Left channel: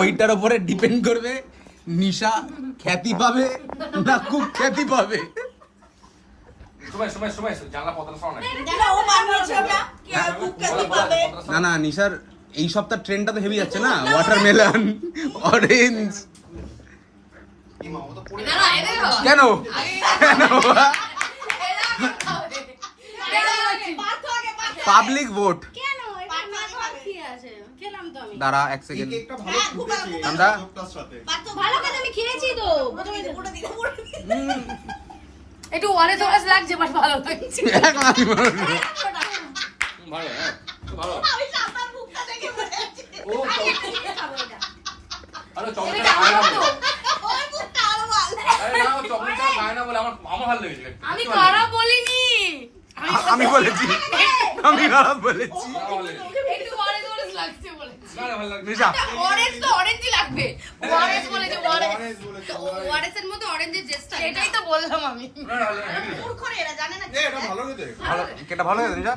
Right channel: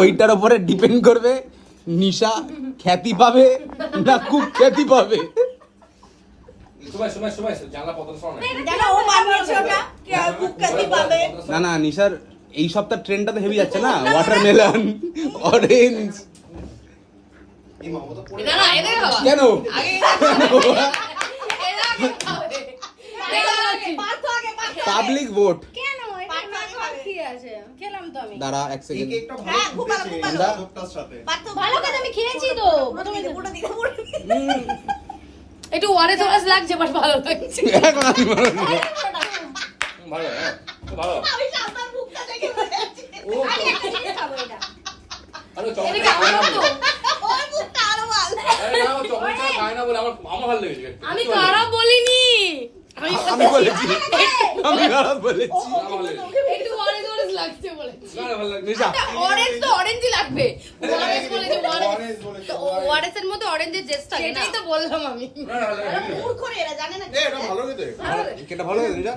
ওইটার উপরে ডিপেন্ড করবে নিশা খ্যাতি পাবে না খুব খ্যাতি পাবে। না না নিশার এই সপ্তাহ ট্রেনটা তো হেভি যাচ্ছে না, ওয়াটারমেলন, অরেঞ্জ। কেন পাবলিক ভোট দাঁড়া এক সেকেন্ড আমরা একটু ওয়ারেস ওয়ারেস লাগছে বাট ভালো লাগছে। আমি খারাপ বলিনি, আমি বলেছি, আমি খারাপ বলেছি। একটু ওয়ারেস ওয়ারেস লাগছে বলেছি। নিশা অরেঞ্জ তো অরেঞ্জই লাগবে, ওয়ারেস বলে যে ওয়ারেস, তো ওয়ারেসের মধ্যে অরেঞ্জের জেস্ট থাকে, সেটাই তো বললাম আমি। মূর্খ রে, এরা জানে না কি এটা ভালো খেতে। কেটা ভালো লাগে নিশা?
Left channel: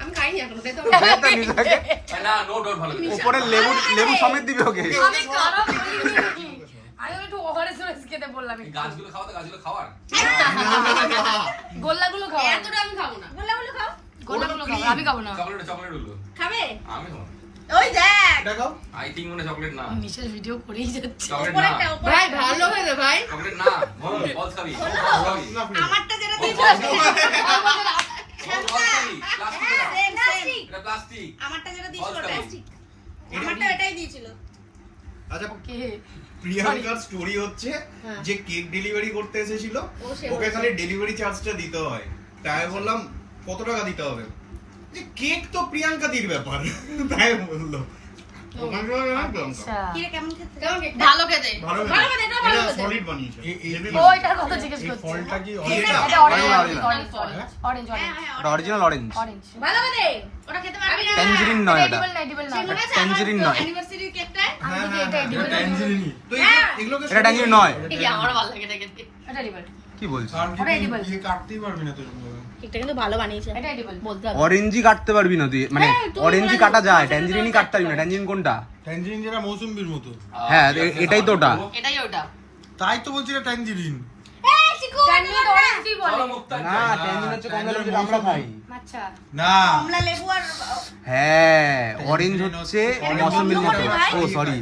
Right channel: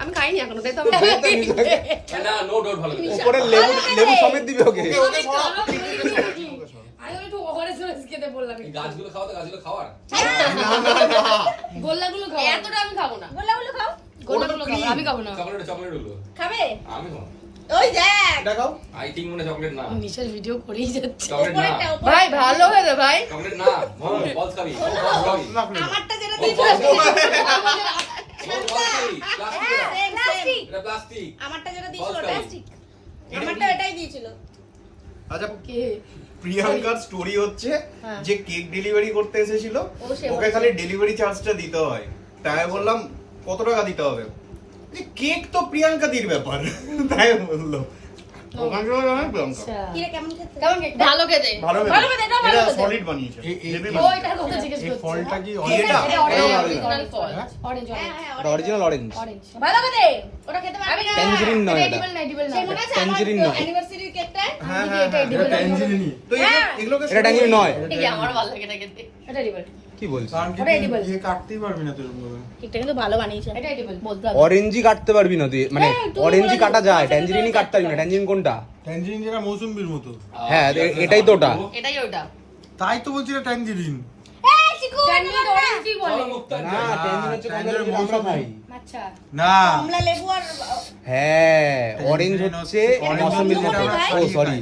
আমি খাইনি এখনো, তাই তো দে তো নিশাকে। না নো ডাউট ভালো খেতে। উপরে লেবু লেবু সমেত দিবে ওকে। আমি একটু ওয়ারেস ওয়ারেস খেতে বললাম। এই গাছগুলো খাওয়া তো গাছগুলো খাওয়ার। গোল্লাগুলো খাও, এতটা আমি খাবো না। গোলাগুলো খাও। গোল্লাগুলো খাও, আমি খাবো না। চকলেট হলো। খাবে? আমি খাবো। ওই দেখ। এটা খাও। আই থিংক মনে চকলেট না। নিশার ভিডিও করেই যাচ্ছে। চকলেট না। উপরেরটা, উপরেরটা। ভাই ভালো হয়েছে ভাই। চকলেট না। বলস খাবি। বলস খাবি। আমারটা যেটা দিয়েছিল প্লাস্টিক। এটা প্লাস্টিক। আমারটা যেটা দিয়েছিল বলস খাবি। প্লাস্টিক। আমারটা এটাই দিয়েছিল। আচ্ছা কে? প্রিয়াঙ্কার স্টোরি হচ্ছে যে কেক ডেলিভারি করতে এসেছিল সে ওকে খালি ডেলিভারি চার্জটা দিতে হয়, তাই আমি বললাম কত টাকা দিতে হবে, যে কেক তো প্রিয়াঙ্কা দির ব্যাপার তাই বললো ওখানে প্রিয়াঙ্কা কি রে, কেমন খেতে? কেমন খেতে? ভালো খেতে। ভালো ভালো খেতে, এটা ভালো এটা খেতে। সলিড বানিয়েছে হেভি ও এটার কথা জিজ্ঞেস করছে। ফলটা কি এটা এটা অরিজিনাল ফল। অরেঞ্জ হ্যাঁ, অরেঞ্জ হ্যাঁ, ওটা অরিজিনাল অরেঞ্জ, অরেঞ্জ। ভালো খেতে। ওটা খেতে পারবি না। ট্যাঞ্জেরিন নয় ওটা। এডিবল না, সেই এডিবল মনে না। আছে ট্যাঞ্জেরিন নয়। অ্যানিভার্সারির কেকটা? হ্যাঁ হ্যাঁ হ্যাঁ এটা ট্যাঞ্জেরিনি তো এগুলোকে এটা ট্যাঞ্জেরিন নয়। এই যে আমার ভালো লাগে এটা খেতে। এটা এডিবল। কি বলছিস? ওটা edible। দিয়ে কাটতেই পারবি না তুই ওগুলো। কেকটা কিন্তু ভালো বানিয়েছে। এটা এডিবল। বলতে হবে। অরেঞ্জই কাটতে পারবি না তুই, মানে হ্যাঁ, তুমি অরেঞ্জই বলে কাটা দিও। যায়, ট্যাঞ্জেরিনই কাটতে পারবি না। ট্যাঞ্জেরিন কোনটা? ট্যাঞ্জেরিন যেটা মৌসুমবির মতো। হ্যাঁ এটাই তো ওটা। এটাই ওটা। তাই তো বলছি এটা ট্যাঞ্জেরিন। এই চিকু, ট্যাঞ্জেরিন অরেঞ্জই বলে। না ট্যাঞ্জেরিন হচ্ছে কমলা লেবু যেটা আমরা খাই। আচ্ছা। না কমলা লেবু আর হ্যাঁ অরেঞ্জ হচ্ছে মৌসুমীর মতো। ও সরি